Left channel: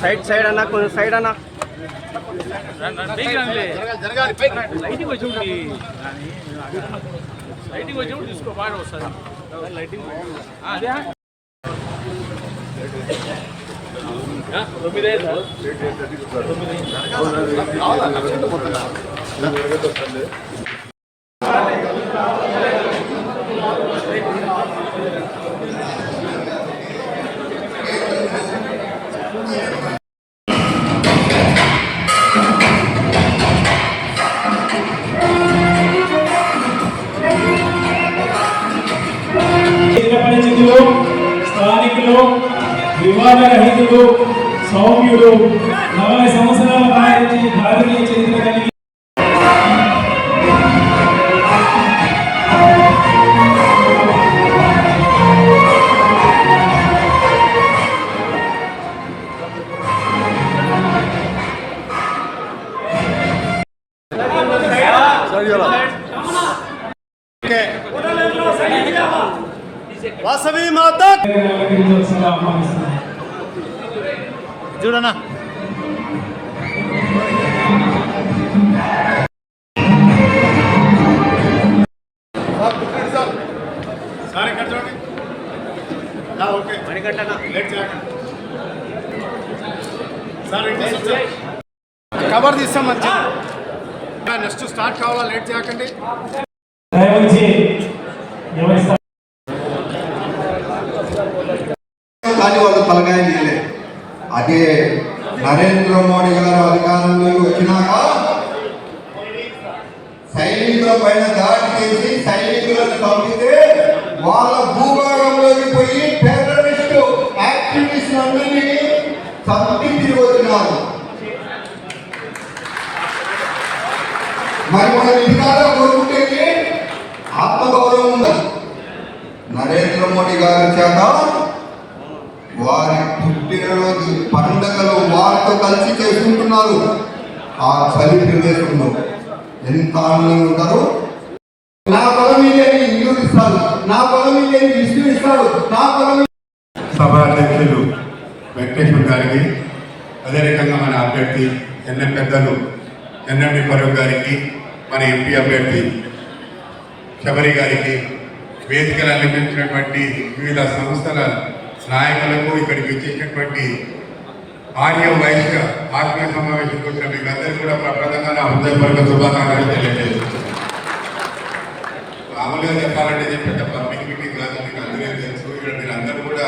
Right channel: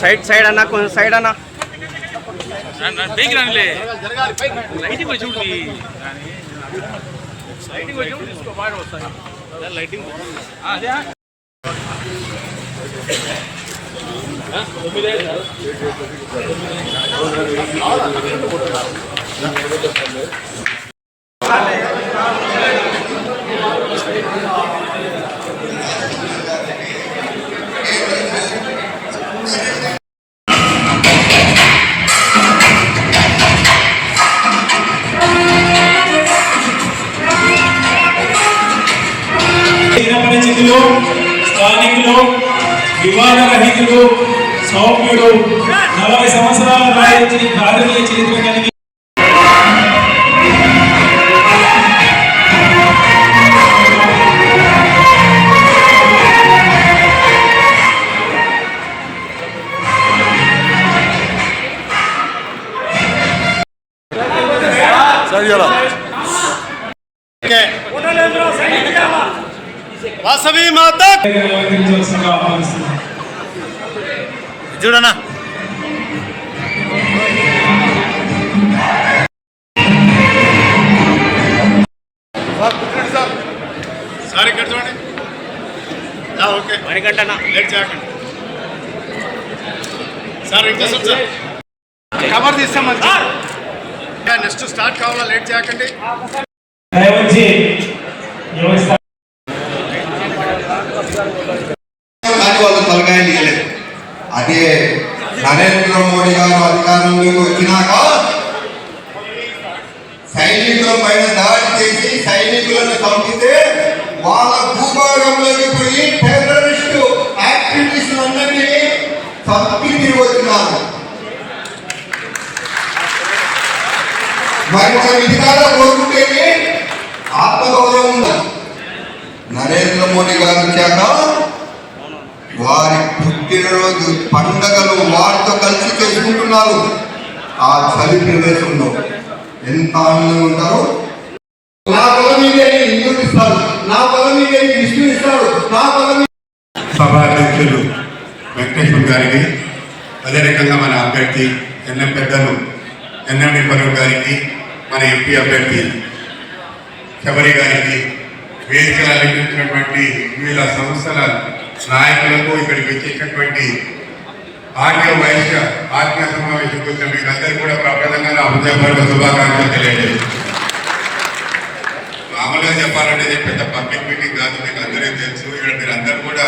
Side side అన్న కొంచెం side అన్న. లైటింగ్ వచ్చి లైటింగ్ వచ్చి అదే చిరపరిచితులు సౌమ్యులు నలభై సంవత్సరాల రాజకీయ భారతీయ చరిత్ర కలిగి వాసవి మాత చూడనా? సార్ ఇక్కడ చూడండి. Yeah, okay. లేట్ చేయకండి సార్ ఇట్లా సార్ కవర్ తీస్తాం నెక్స్ట్ స్టార్ట్ కావాలా లేట్ చేయకండి అదే నరేంద్ర మోడీ గారు అధికారంలోకి వచ్చినాక సైనికుల పైన దాడి చేసి సైనికులను పంపితే వాళ్ళ భూభాగంలోకి పోయి టెర్రరిస్టు యాక్టివిస్ట్ అందరినీ చంపి తిరిగి వచ్చినారు మరి మనం ఇది కాదా కోరుకుంటేనే ఆత్మగౌరవం ఉంది నరేంద్ర మోడీ గారు వచ్చాక వారి పుట్టినరోజు పండగలు వారితో కలిసి చేసుకుంటున్నారు. ఆ చలి ప్రదేశంలో ఎంత ఆనందంగా ఉంటారు. నా పొలం మీద ఇల్లు ఇస్తాడు. నా పొలం మీద ఇష్టు ఇస్తాడు. నా పొలం సభాధ్యక్షులు వెంకటేశ్వర్ గారికి అదే రకంగా మన అభ్యర్థి ఎన్ఎం పెద్దలు ఎన్ఎండి పరువు గారికి మన ఎంపీ అభ్యర్థి శబరి గారికి వేదికలు అలంకరించినటువంటి వివిధ సంస్థల నాయకులకు ఇక్కడికి వచ్చేటటువంటి ఆర్య వైశ్య ఆత్మీయ సమావేశంకి వచ్చిన మీకు అందరికీ కూడా ప్రప్రదంగా నా హృదయపూర్వక శుభాకాంక్షలు తెలియజేస్తాను మామూలుగా చెప్పాలంటే ఇది పెద్ద పబ్లిక్ మీటింగ్ కాదు మీకు అందరికీ తెలుసు. ఇక్కడ మీరు అందరూ కూడా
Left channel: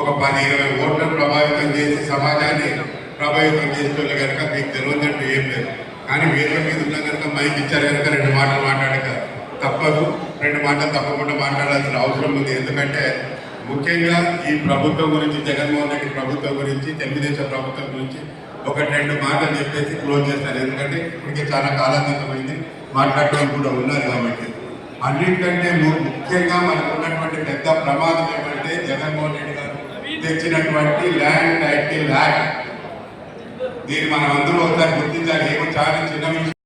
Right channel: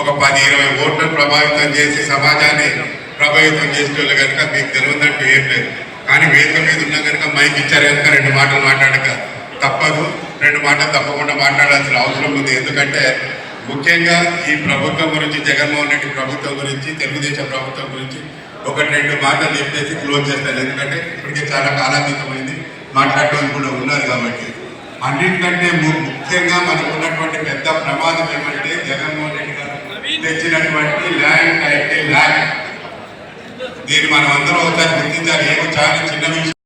ఒక పది ఇరవై ఓట్లను ప్రభావితం చేసి సమాజాన్ని ప్రభావితం చేసేటోళ్ళు కనుక మీకు తెలియదంటూ ఏం లేదు. కానీ వేదిక మీద ఉన్న కనుక మైక్ ఇచ్చారు కనుక రెండు మాటలు మాట్లాడక తప్పదు. రెండు మాటలు తప్పకుండా మాట్లాడాల్సిన అవసరం ఉంది. ఎందుకంటే ముఖ్యంగా ఈ ప్రభుత్వం గురించి జగన్మోహన్ రెడ్డి ప్రభుత్వం గురించి తెలుగుదేశం ప్రభుత్వం గురించి ఒకటి రెండు మాటలు చెప్పేసి క్లోజ్ చేస్తాను ఎందుకంటే ఇప్పటికే చాలా కాలాతీతమైంది మాట్లాడడానికి కూడా ఉన్నారు కాబట్టి. అన్నింటికంటే ముఖ్యంగా మనకు ఉన్నటువంటి పెద్ద ప్రమాదం ఏమంటే జగన్మోహన్ రెడ్డి గారు తెచ్చినటువంటి ల్యాండ్ టైటిల్ ల్యాండ్. దీన్ని మనం అందరం ఒకసారి గుర్తించాలి. ఏమో చాలా చిన్న విషయం.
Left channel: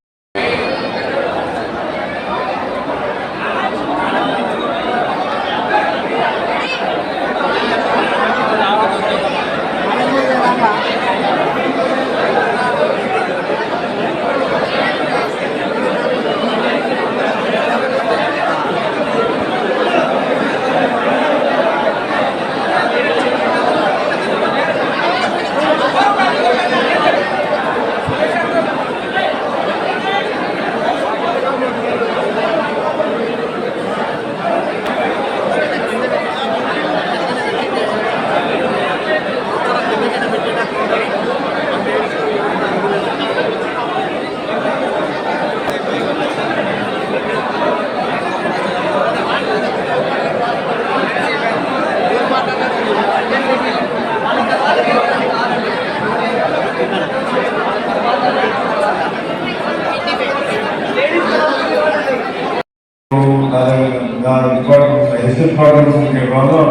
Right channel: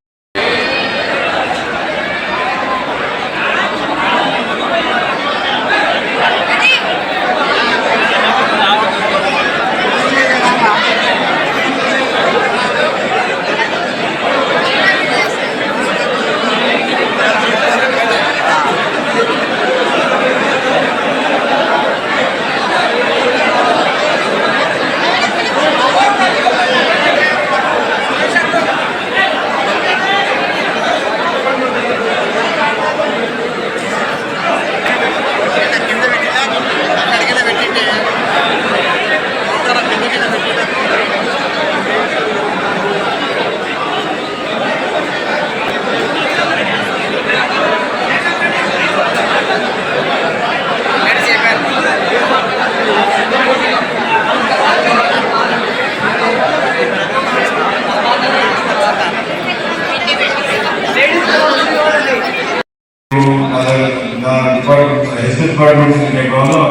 డిపార్ట్మెంట్ హెల్త్ డిపార్ట్మెంట్ నిర్మాణంలో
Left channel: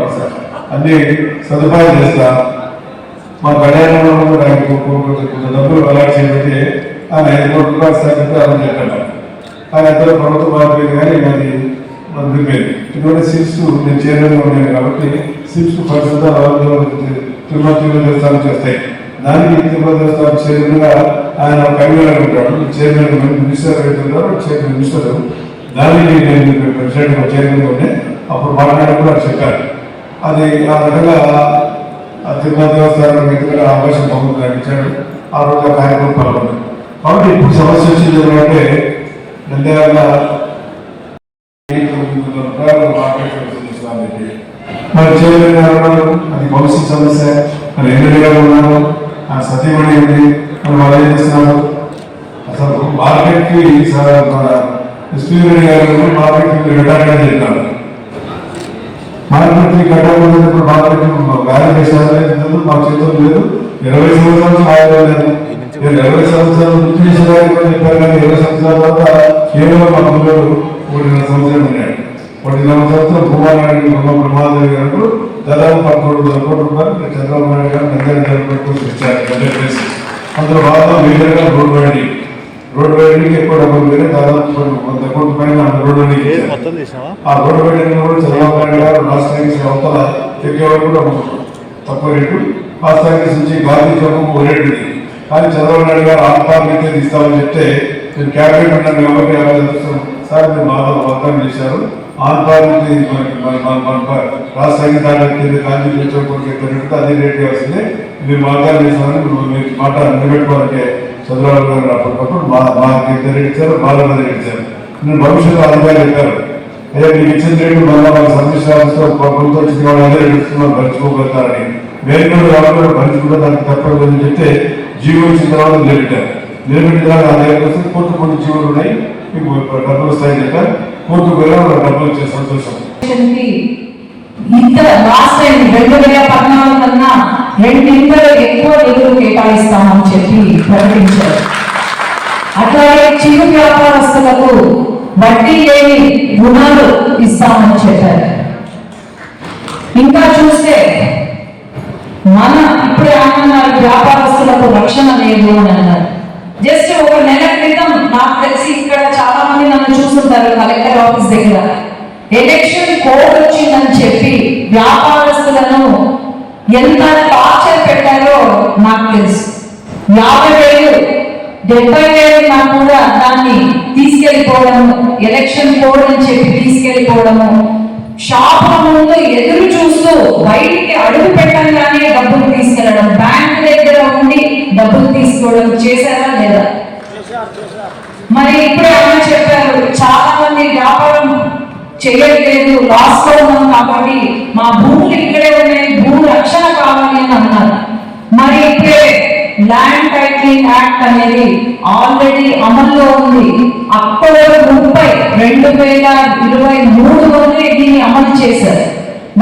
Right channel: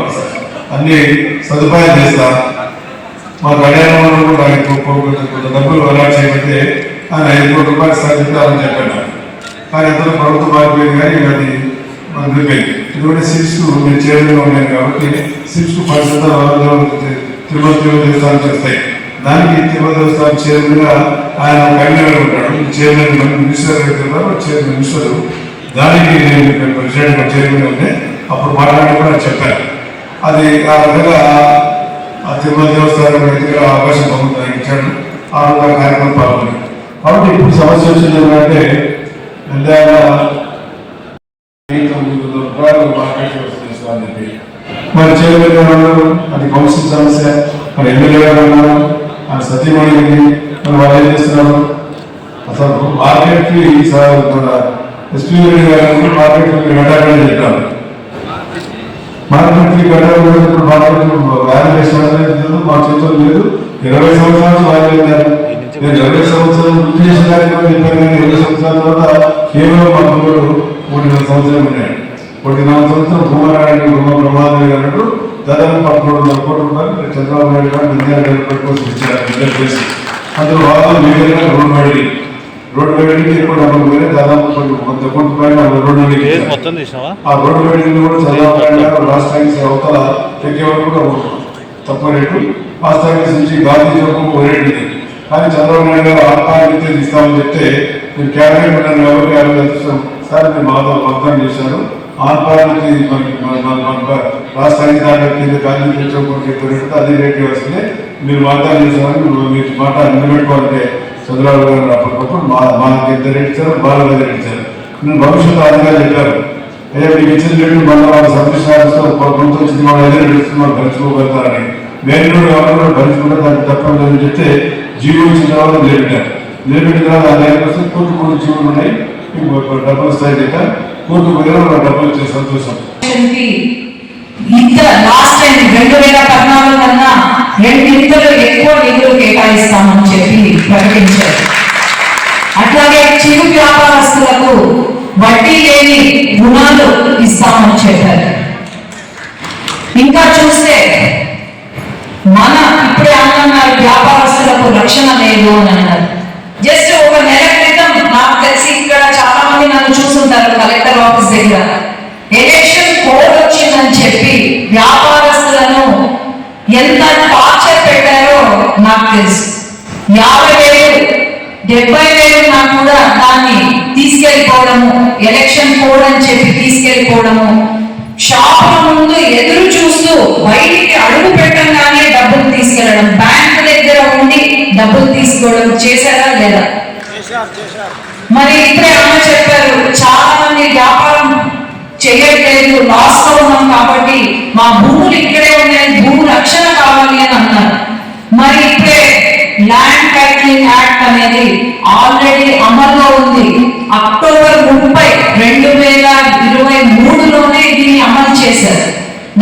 అన్ని సదుపాయాలు చేస్తా. మా కళ్యాణంలో కూడా కొంత డబ్బులు అలాట్ చేయబడితే ఆయన ఐదు కోట్ల రూపాయలు సాధించాలని చెప్పాడు. కానీ అంతలో ప్రభుత్వ బాధ్యత కానీ అది అందుకే ఇది కూడా నేను చేయడంలో ఉన్నాను కాబట్టి సిక్స్ ఫండ్స్ అంతా తిరుమల తిరుమల దేవస్థానం చేస్తాయి. దానికి తిరుమల దేవస్థానం చైర్మన్గా ఆయన కన్వీనర్ ఉంటాడు చైర్మన్ మినిస్టర్ అవుతున్నారు చైర్మన్ మినిస్టర్ దానికి నేను ప్రెసిడెంట్ చైర్మన్ ఉంటే అప్పుడు మాట్లాడి కూడా చెప్పాను అది ఆ రకంగా తిరుమల దేవస్థానం ఎదుగుదల అవకాశం పొందుతున్నాను ఇచ్చాడు ఆ రోజు కార్యక్రమం పాల్గొని కాబట్టి ఇప్పుడు సమస్య వచ్చింది ఏంటంటే ఎంతైనా మరి చైర్మన్ గారు ఉన్నారు అది కౌన్సిల్ సమస్య. మరి ఎమ్మెల్యే గారు ఉన్నారు ఆ సతీమణి ఉంది వాళ్ళు ఏం చేస్తున్నారు? అసలు మార్కెట్కి సార్ ఎస్పీ గారు మార్కెట్ వెళ్ళాలని చెప్పారు. మార్కెట్కి కట్టాలి మార్కెట్ వ్యాలిడేషన్ మా చేతులు లేదు. ఇరవై సంవత్సరాలు రాయలేదు నేను ఇరవై సంవత్సరాలు గుర్తు కానీ ఇరవై సంవత్సరాల తర్వాత కేవలం మా పిల్లలు ఒకటిన్నర సంవత్సరాలు ఒకటిన్నర సంవత్సరం కుమార్ ప్రమాదం గారు దాదాపు వందల కోట్ల రూపాయలు చంద్రబాబు నాయుడు గారు నంద్యాల కోసం. ఇచ్చారు అందులో బాగా మేజర్గా రోడ్ వైడింగ్ రోడ్ వైడింగ్ ఎక్కువ డబ్బులు దాదాపు వంద కోట్ల పైన రోడ్ వైడింగ్ ఇచ్చారు. మొత్తం తీసినావా ఆ రోడ్డు వెయిటింగ్ కూడా గారు లాస్ట్ టైం అవతల ఎక్కేవారు కూడా తక్కువ రేటు. లాస్ట్ టైం నుంచి గాంధీ చౌకం ఓ రేటు ఇది కానీ చంద్రబాబు గారు ఆత్మానికి ఇస్తామని చెప్తే నేను క్యాబినెట్ ఉన్నాను కాబట్టి యాభై సార్ మీరు మాతో వాగ్దానం చేశారు. ఆత్మానికి రాష్ట్రానికి టైం దాని కింద గాంధీ అదే రేట్ వస్తుంది. మీరు వాగ్దానం చేస్తామని మీరు మాట నిలబెట్టుకోవాలంటే చంద్రబాబు గారు అప్పటికప్పుడు మా మాకు ఎంత రేట్ ఇచ్చారు బాగా రేట్ ఇచ్చారు. నేను భవిష్యత్తు అధికారులు చెప్పారు. ఏదో మీకు ఇచ్చిన రేటు మళ్ళీ వాళ్ళ సర్వీస్ ఆఫీస్లో ప్రభుత్వం వచ్చిన వాళ్ళు అదే రేట్ ఇస్తున్నారు భరించుకోగలుగుతారని. కూడా వాళ్ళు కూడా భరించుకుంటే దానికి తప్పదు అని చెప్తే జీవో వచ్చిన తర్వాత నిలబెట్టారు. నిలబెట్టిన తర్వాత ఆ రేటు వస్తే కోర్టు కొన్ని జీవోలు ఉన్నాయి. డబ్బులు వస్తాయని చెప్పారు. కోర్టు వెళ్ళిన డబ్బులు వచ్చే సంతోషం. ఇంత లాస్ట్ టైం రెండు వేల పద్నాలుగు కన్నా రెండింతలు ఎక్కువ నిధులు కేటాయిస్తామని చెప్పి ప్రకటించారు. అట్లాగే చిరు వ్యాపారస్తులకు వడ్డీ లేని రుణాలు ఇస్తామని చెప్పారు. ఇంకా చూస్తే మన ఇప్పుడే అన్నారు వ్యాపారస్తులకు రక్షణ లేదు అని అన్నారు. జస్ట్ ఒక నెల క్రితం నాకు తెలిసి ఇక్కడ చాలా మంది నన్ను చూస్తుంటారు కలెక్టర్ ఆఫీస్ దగ్గర. ఎలక్షన్ కోడ్ వచ్చిందని చెప్పి వ్యాపారస్తులను ఎంత టార్చర్ పెట్టారో నాకు తెలుసు. యాభై వేలు డెబ్బై వేలు నాకు కూడా దాన్ని తీసుకెళ్ళిపోవడము ఎలక్షన్ కోడ్ అని చెప్పి తీసుకెళ్ళిపోవడము షాపుల ముందు ఎదురు చూస్తూ బయటికి అడుగు పెట్టంగానే డబ్బులు తీసుకెళ్ళడం బ్యాంక్ దగ్గర ఉండి డబ్బులు తీసుకోవడం చేశారా లేదా? మరి ఇప్పుడే అమ్మ చెప్పారు చాలా మంది వ్యాపారం చేయట్లేదు లాస్లో ఉన్నాం కాబట్టి మా భూములు ఇక్కడే ఉన్నాయి భూమి రక్షణ కావాలి అని అన్నారు. మరి ఇప్పుడే ల్యాండ్ టైటిలింగ్ యాక్ట్ అనేది ఆల్రెడీ అమల్లో ఉంది. అక్టోబర్ ముప్పై రెండు వేల ఇరవై మూడులోనే దీన్ని అమలు చేశారు.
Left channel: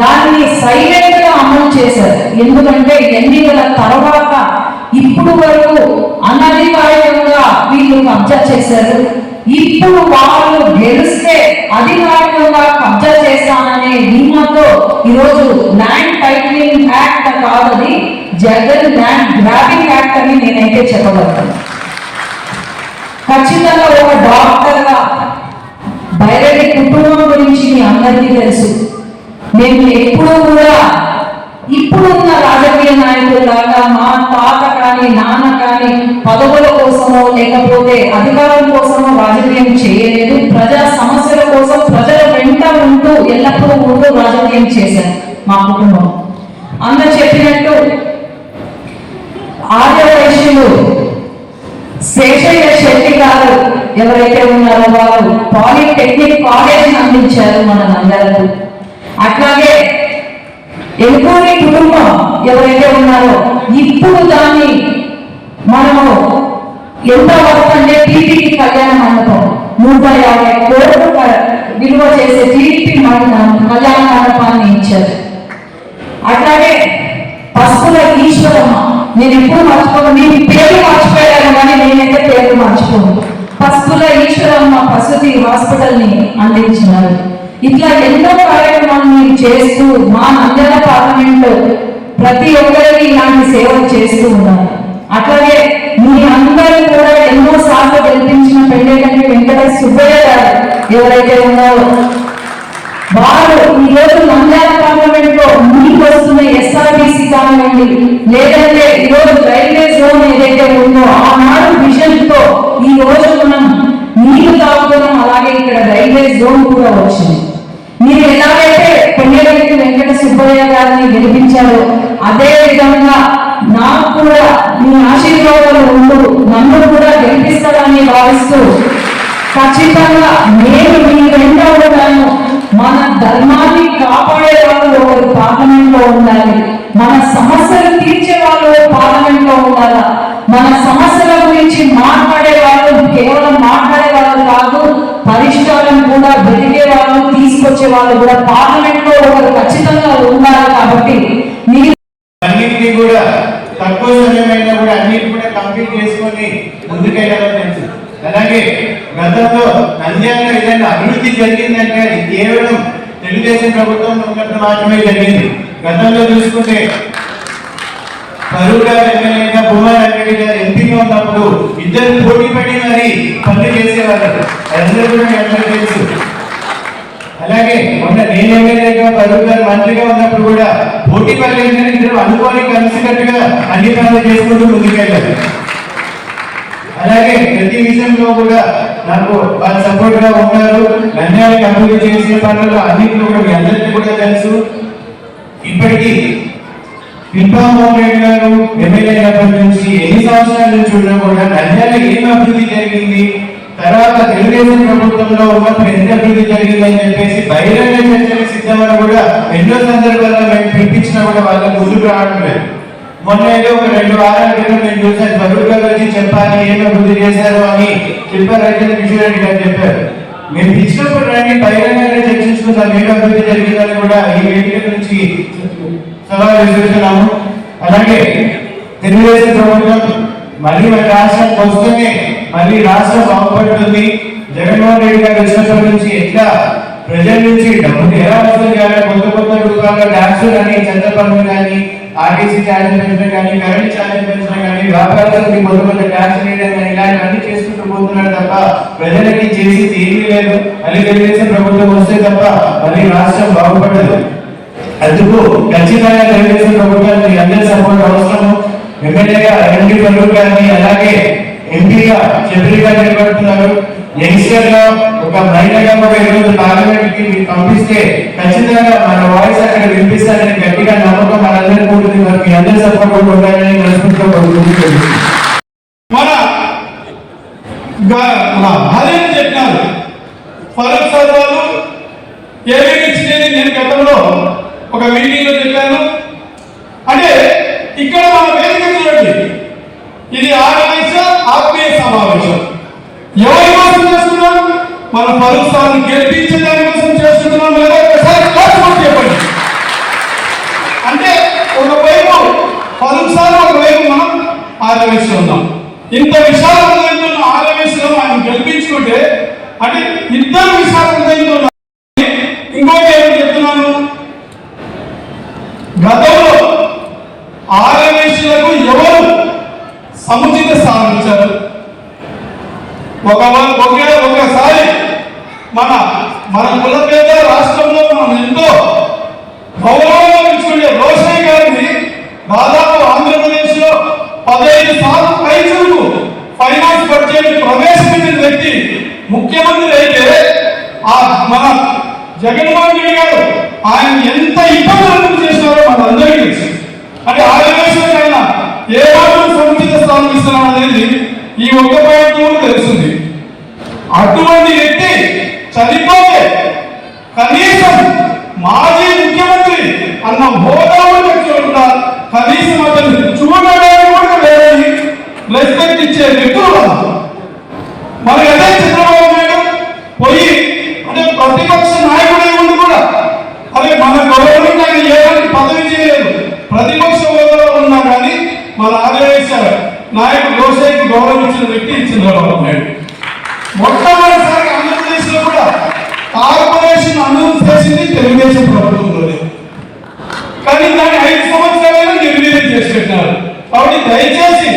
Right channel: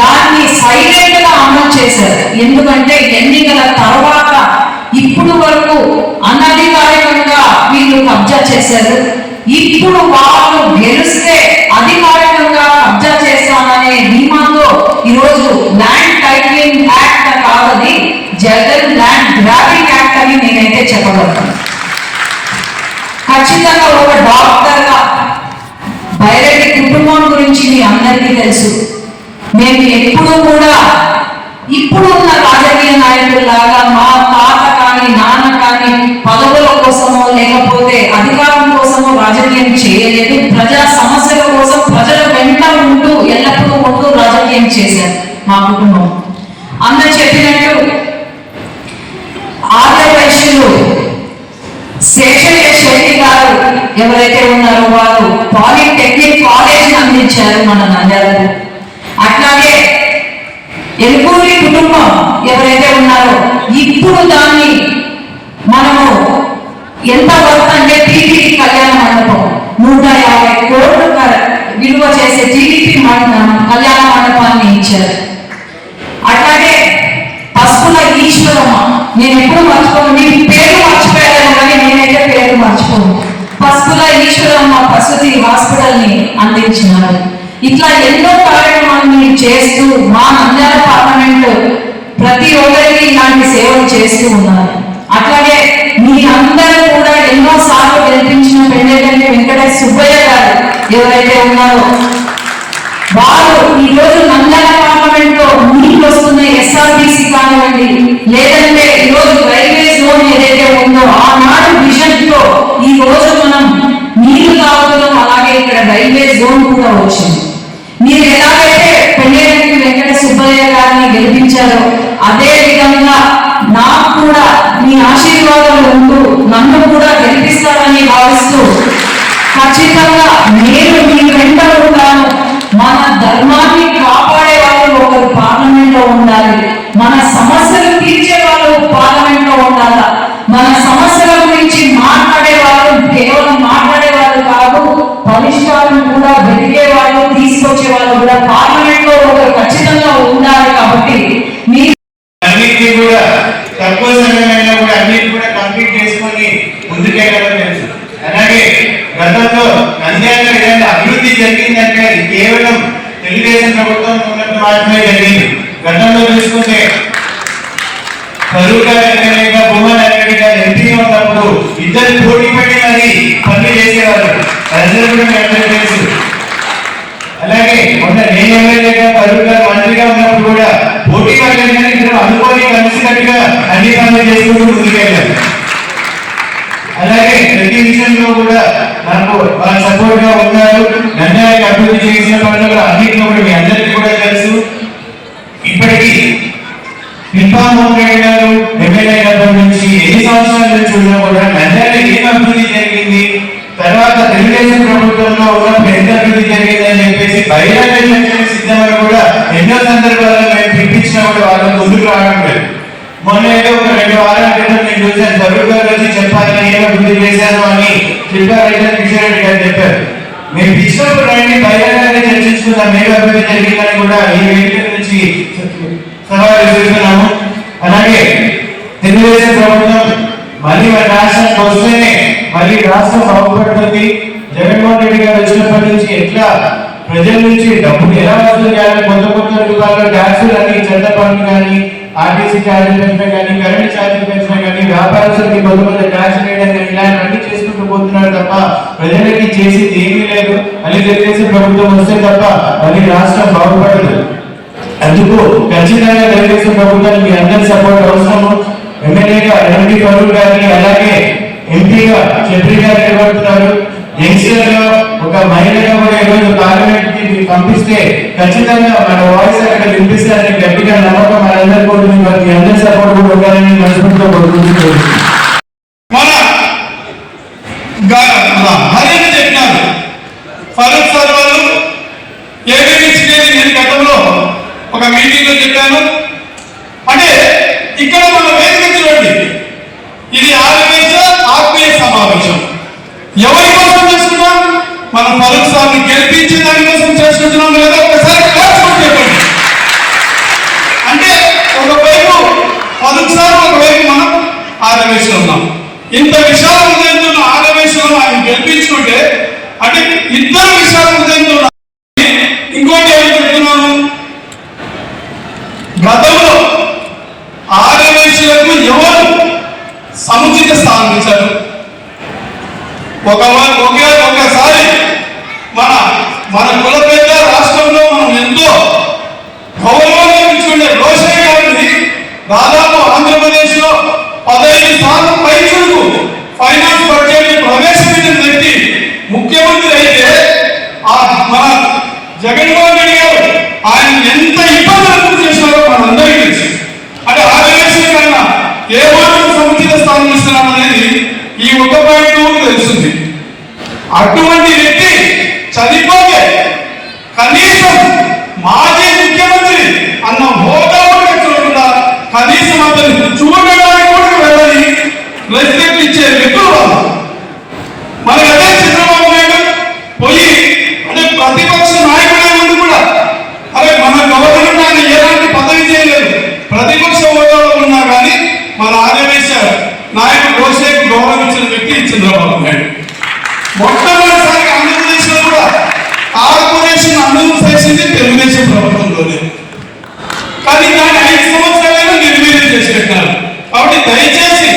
దాన్ని సైలెంట్గా అమలు చేశారు. ఎందుకంటే ఎన్నికల తర్వాత ఇప్పుడు వరకు అనధికారికంగా వీళ్ళు కబ్జా చేశారు. ఇప్పుడు వాళ్ళు గెలిస్తే అధికారికంగా కబ్జా చేస్తామనే ధీమాతో ఈరోజు న్యాయ మా కుటుంబం. అందరు చెప్పినట్టు ఆర్య వైశ్యులు శేషయ్య శెట్టి గారు ఎవరైతే ఉన్నారో వారు పాలిటెక్నిక్ కాలేజ్ అందించారు మన నంద్యాలకు. అట్లాగే ఎలుకూరి కుటుంబం ఎవరైతే ఉన్నారో ఇప్పుడు దాన్ని మనము ఎంత వర్త్ అంటే టీటీడీ కళ్యాణ మండపం. నూట యాభై కోట్లు విలువ చేసే టీడీపీ కళ్యాణ మండపాన్ని ఇచ్చారు అట్లాగే పసుపుల ఈశ్వరమ్మ నేను ఎప్పుడు మర్చిపోను నీ పేరు మర్చిపోయాను కానీ నేనైతే పేరు మర్చిపోను. పసుపుల ఈశ్వరమ్మ పసుతి హాస్పిటల్ హాస్పిటల్ని అందించినారు. ఇట్లా ఎన్నో కార్యక్రమాలను చేస్తూ మా నంద్యాల పార్లమెంట్ ప్రతి ఒక్కరికి ఇలాంటి సేవలు చేస్తూ ఉన్నారు. అట్లాగే మీ అందరూ కూడా ఎన్నో సార్లు గెలిపించిన పెళ్ళేటంటే వెంకటేష్ సుబ్బయ్య గారు ఎవరైతే ఉన్నారో వారు ఈరోజు నంద్యాల పార్లమెంట్లో మీకు వస్తున్న ఎస్ఆర్బిసి కానివ్వండి లేదంటే ఉందో ఆనాడు విజన్తో ఈ రోజు మనం నీరు తాగుతున్నాం. అలాగే ఇక్కడ రైల్వే జోన్ కూడా వచ్చింది. మీరు ఎలాగైతే పెళ్ళేరెడ్డి వెంకట సుబ్బయ్య గారిని గెలిపించారో అదే విధంగా నాకు కూడా మీ ఆశీర్వాదాలు ఉంటూ నన్ను కూడా గెలిపిస్తారని భావిస్తూ ఖచ్చితంగా నేను మీరు నంద్యాల అభివృద్ధి జరిగిందంటే అది కేవలం తెలుగుదేశం ప్రభుత్వం ఉన్నట్టు మాత్రమే జరిగింది. గతంలో చూసుకుంటే కరువుగా వెంకయ్య భూమన్ వెంకయ్య గారు ఎంపీగా ఉన్నప్పుడు ఇద్దరు పోటీ పడి మరి పనులు చేసేవారు. అందరూ కూడా మీ తెలుసు. అలాగే మొన్న నేను ఎమ్మెల్యేగా కరువు గారు మంత్రిగా ఉన్నప్పుడు కూడా పోటీ పడలేదు కానీ ఇద్దరు అనుకోని కలిసినట్టుగా అన్ని పనులు చేసుకుంటూ ముందుకెళ్ళారు. అలాగే ప్రతి విషయంలో కూడా నాకు వాళ్ళ సపోర్ట్గా ఉన్నారు. నంద్యాలకు అభివృద్ధి చేసిన పనులు అన్నింటిలో కూడా మీ అందరికీ కూడా తెలుసు. ఇప్పటికీ పిల్పామోహన్ గారు ఎమ్మెల్యే గారి నుంచి ఎన్ని సంవత్సరాల నుంచి ఉన్నా కూడా ఏం అభివృద్ధి జరిగింది? తర్వాత తెలుగుదేశం ప్రభుత్వంలో ఎంత అభివృద్ధి జరిగిందని చెప్పేసి బహిరంగ చర్చలకు సిద్ధంగా కూడా ఎన్నో సందర్భాల్లో మేము పిలిపించినా కూడా వాళ్ళకు ముందుకు రావడం లేదు. మొన్న ఏదో ఒక రెండు వారాల క్రితం నేను చూశాను. తరుణ్ గారు వచ్చి చెప్పాలి ఏం అభివృద్ధి చేశారు అని చెప్పారంటే కిషోర్ రెడ్డి గారు చెప్పారు. మీరు పిలిచినప్పుడు రండి బహిరంగంగా చర్చించుకుందాం. మీరు అభివృద్ధి జరిగిందని కూడా ఈ వేదిక నుంచి సవాలు విసురుతున్నాము అలాగే తెలుగుదేశం ప్రభుత్వం మళ్ళీ మన రాష్ట్రానికి వస్తేనే మళ్ళీ రాష్ట్రం బాగుపడుతుంది. జగన్మోహన్ రెడ్డి గారు వచ్చినప్పటి నుంచి ఎట్లా ప్రజల నుంచి డబ్బులు ఎలా వసూలు చేయాలి కొత్త కొత్త రూపాయల ట్యాక్సులు కానీ చెత్త పనులు కానీ ఆర్టీసీ ఛార్జీలు మళ్ళీ ప్రభుత్వం వస్తే తప్ప మరి రాష్ట్రం బాగుపడదు. అందుకు ఖచ్చితంగా తెలుగుదేశం ప్రభుత్వానికి మీ అందరి సపోర్ట్ అవసరము. ఎమ్మెల్యేగా ఎండి ఫరూక్ గారిని అలాగే ఎంపీగా చంద్రి గారు నిలబడుతున్నారు. యంగ్స్టర్గా ఒక మహిళగా కూడా ఈరోజు పార్లమెంట్కి పంపిస్తే ఖచ్చితంగా మన వాయిస్ అక్కడ వినిపిస్తారని గట్టిగా నమ్మకం మనందరికీ ఉంటుంది. మరి మీ అందరి సపోర్ట్ కూడా ఫరూక్ సార్ వాళ్ళు ఏబిఎస్ నేను గతంలో ఒక మీటింగ్లో చెప్పాను. అంటే ఇక్కడ మన వేదిక చూడండి. ఇది ఆర్ఎస్ ఆత్మీయ సమావేశం. ఎవరి కోసం చేస్తున్నాం మన ఫరూక్ సార్ని గెలిపించే దానికోసం చేసుకుంటున్నాం లేదా? ఒకసారి చెప్పండి. అంటే ఒకవైపు ఫరూక్ సార్ ఒకవైపు మనం ఆరవేశం ఉన్నాం. ఇంత విశాలమైన హృదయంతో ఆయన గెలిపించుకుంటే అంటే ఇద్దరు విశాల హృదయంతో కానీ దాన్ని ఐదు సంవత్సరాలైనా నిర్వీర్యం చేసి పెట్టారు. కాబట్టి దయచేసి